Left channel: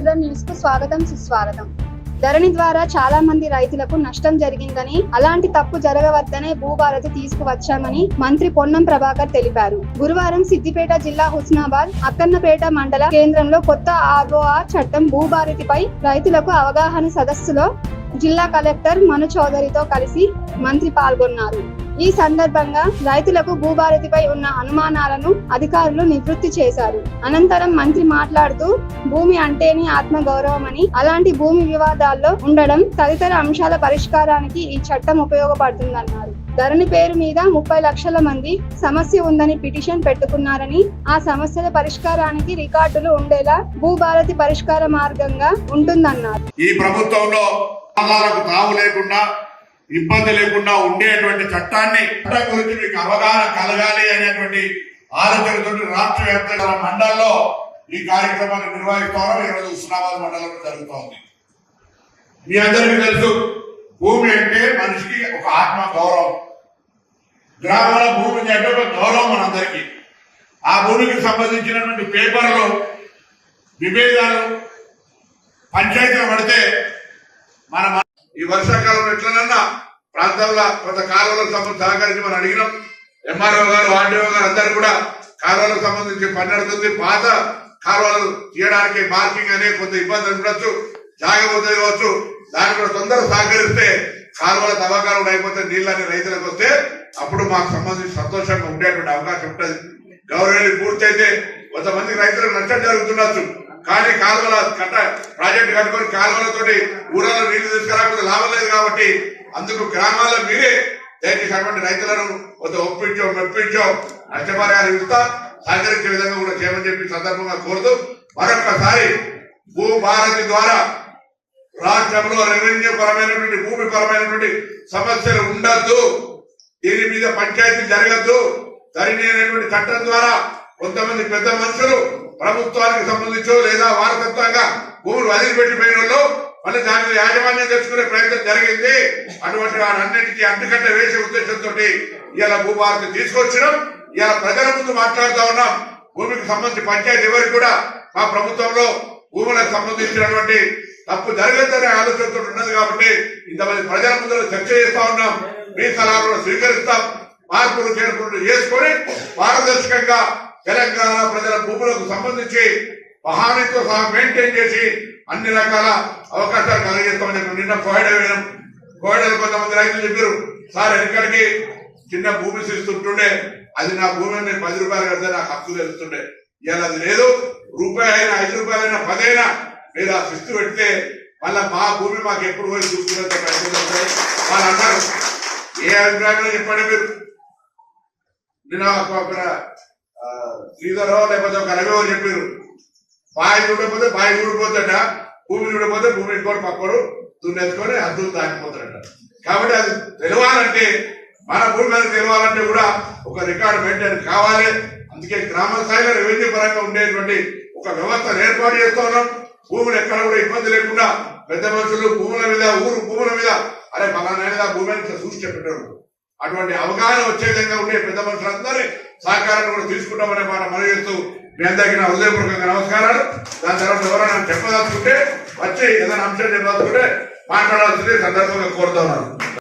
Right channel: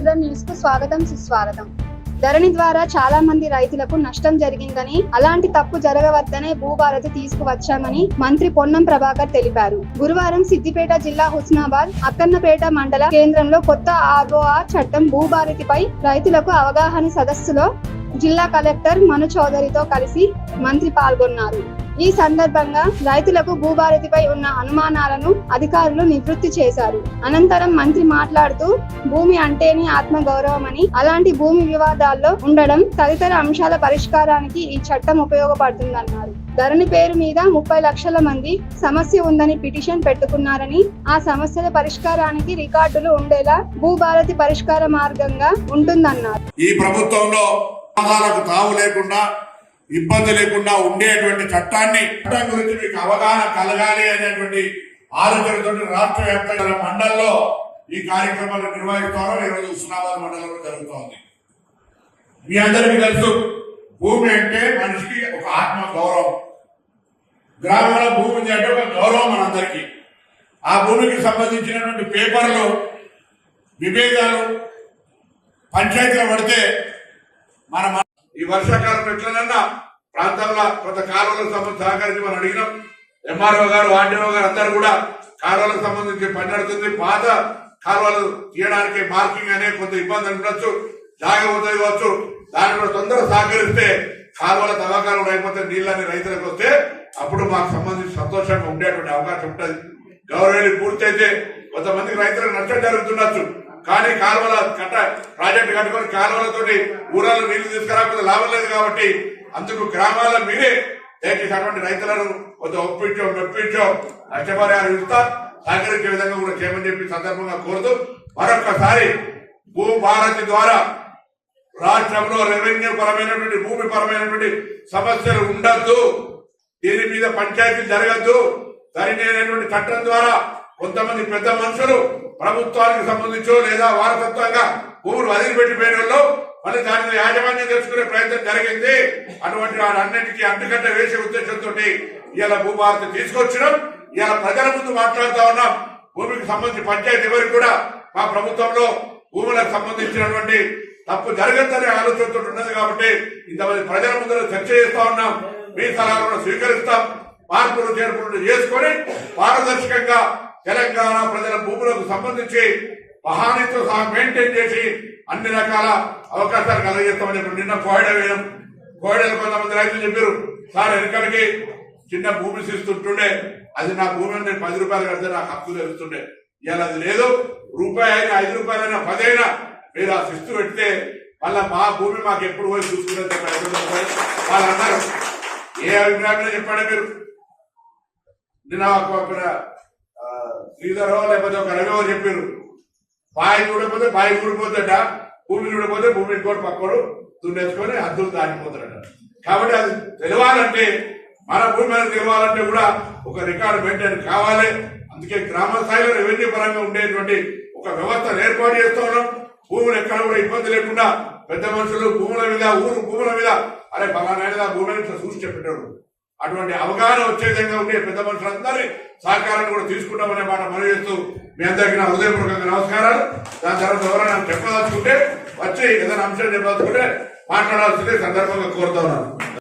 స్వాగతం సుస్వాగతం. ధరణి ద్వారా చాలా మంది రైతులకు నష్టం జరిగిందని అలాంటి తప్పు జరగవద్దనే భూభారతి తీసుకువచ్చామని మంత్రి పొన్నం ప్రభాకర్ తెలిపారు. గురువారం సిద్దిపేట జిల్లా హుస్నాబాద్ అక్కన్నపేట మండల కేంద్రంలో కొత్త ఆర్ఓఆర్ చట్టం భూభారతిపై రైతులకు అవగాహన సదస్సులో జిల్లా కలెక్టర్ మను చౌదరితో కలిసి మంత్రి పాల్గొన్నారు. ఈ సందర్భంగా రైతులకు భూభారతిపై ఉన్న అనుమానాలను అధికారులు నివృత్తి చేశారు. అనంతరం మంత్రి మాట్లాడుతూ భూమి అంటేనే ఆత్మ గౌరవమని అలాంటి భూమి వివాదాల్లో ఉండడం తదితర అంశాల పరిష్కారానికి ఈ చట్టం ఉపయోగపడుతుందన్నారు. ధరణి పేరు మీద ముప్పై లక్షల మంది సమస్య ఉందని పిటిషన్ పెట్టుకున్నారని ఆ సమస్యల పరిష్కారానికి రికార్డులు ఉండేలా భూభారతి పరిష్కార మార్గంగా ఉంటుందన్నారు. ఈ ప్రభుత్వంలో తావు లేకుండా ఇబ్బంది లేకుండా ఉండేటువంటి చట్టాన్ని చట్టం గురించి మీకు అవగాహన కలగాలి అనేటువంటి ఆలోచనతో రాష్ట్ర వ్యాప్తంగా మండలంలో ఈ కార్యక్రమాన్ని నిర్వహిస్తారో ఈరోజు హుస్నాబాద్ మండలంలో జరుగుతోంది. మీ అందరికీ తెలుసు భూమి అంటే మనిషికి ఒక ఆత్మ గౌరవం. గ్రామాల భూమి అంటే ఒక గౌరవం మనందరికీ. ఆ భూమికి సంబంధించినటువంటి పేపర్లు విభేదాలు పంచాయతీలు పడితే మన ఈ వర్షాకాలం ఎట్లనన్నా ప్రాంతాల్లో కొంత కాలువలకు సంబంధించి సహకరించి మనం అడిగినాం. ఎంఆర్ఓ గారు ఆర్డీఓ గారు అందరు కూడా కాలువలకు సంబంధించి పని నడుతుంది. పాత కాలువలు తీయడానికి మార్కింగ్ అనే కొంత ఇబ్బంది ఉండొచ్చు జాగపోతుంది కావచ్చు. దాన్ని కూడా తొందరగా సహకరిస్తే కాలువల తవ్వకాలు అయిపోతే నీళ్ళని రైతులకు వస్తే అప్పుడు మాకు సంబంధించి సంతోషంగా ఉండేటువంటి అవకాశం ఉంటుంది. గౌరవేలు పూర్తయితే కొంతమంది రైతులకు నష్టం జరుగుతుండొచ్చు. కానీ కాలువల కట్ట ప్రాజెక్టు కట్టుకొని కాలువలతోటి ఊరాల్లో నీళ్ళు తీసుకురాకుండా లాభం లేదు కాబట్టి అందుకు గ్రామాల్లో మీరే దయచేసి అటువంటి రైతులను కొంత ఒప్పించో మెప్పించో నష్టపరిహారం ఇస్తా సహకరించే విధంగా కూడా చేయమని చెప్పి సందర్భంగా కోరుతూ మరొకసారి భూభారతి ద్వారా రాష్ట్రంలో రెవెన్యూ పరమైనటువంటి భూమి పరమైనటువంటి సమస్యలు ఉండద్దు. దీని మీద పంచాయతీ జరగద్దు. ధరణి చట్టం ద్వారా కొంతమంది పెద్ద మనుషులు ప్రభుత్వానికి సంబంధించో లేదా వారసత్వంగా భూములు వదిలిపెట్టిపోయిన వాళ్ళు మళ్ళీ దాని మీద యాజమాన్యం తెచ్చుకునే ప్రయత్నం జరిగింది. అటువంటి వాడన్నిటికీ అంటుకట్ట వేసే ఉద్దేశంతో ఇలా భూభారతి తీసుకొచ్చడం ఇలా ప్రజల ముందు మాట్లాడుతూ ఉన్నాం. భూమికి సంబంధించి పంచాయతీ ఎవరికి కూడా మా ప్రభుత్వంలో భూములకు సంబంధించినటువంటి తప్పు జరగద్దని ఆలోచనతో ఉన్నది కాబట్టి ఇంతమంది ప్రజల ముందు చర్చ చేస్తా ఉన్నాం. మీ సలహాలను స్వీకరిస్తాం. మార్పులు చేర్పులు చేసుకొని పారదర్శకంగా తెలంగాణ ప్రజల భూములకు సంబంధించి మహానితో సహా మెయింటైన్ చేసి అన్ని రకాల అవకాశాలు కలిగేస్తామని నిన్న కోయడ వినం కోయడలు కొంతమంది రైతులు చెప్పారు సార్ ఎక్కడికి? చిన్న భూమి ఇస్తుంటుండే అది నా భూమి నేను పది రూపాయలు కడితే నాకు హక్కు తెలుస్తుండే. ఇవాళ అది లేదు. రూపాయి అయినా ఐదు రూపాయలైనా పదైనా మీరు ఆ శిస్తు పెడితే మళ్ళీ మా భూమి మాకు ఎప్పుడు పోయి చూసుకుంటే వాళ్ళు అన్నారు. ఏ అభిప్రాయంలో చెప్పండి మీరు? నిన్న ఒక శ్రీధరో లేకపోతే ఒక రవి చెప్పారు. బావి చూడకపోతే బావి ఊడిపోతాడ భూమి చూడకపోతే భూమి ఇంకోటి పక్కడు దున్నేసుకొని అద్దులు దాటిపోతాడట కాబట్టి అది తెలవాలంటే మన భూమి మీద తెలవాలంటే కూడా ఒక రికార్డు మెయింటైన్ కావాలి. అందుకే గ్రామ స్థాయిలో రెవెన్యూ పరంగా ఉండేటువంటి ఒక వ్యవస్థను ఏర్పాటు చేస్తూ ఉన్నాం. భూములు ఎక్కడ కూడా ఇబ్బంది లేకుండా పెద్ద మనుషులు భూముల మీద ఊరు భూముల మీద అరే ఫలానా భూమి అని ఇట్లా చూసి చెప్పేటోడు అటువంటి అవగాహన వచ్చే విధంగా ఉండే పెద్ద మనుషులందరి సహకారాన్ని కూడా తీసుకుంటామనే మాట మనవి చేస్తూ మీ అందరికీ నా హృదయపూర్వకంగా నమస్కారాలు. దాని తర్వాత ఎవరైనా చెప్పదలుచుకుంటే వచ్చి ఏదైనా అంశం చెప్పదలుచుకుంటే మాట్లాడాల్సిందే సందర్భంగా కోరుతున్నాను.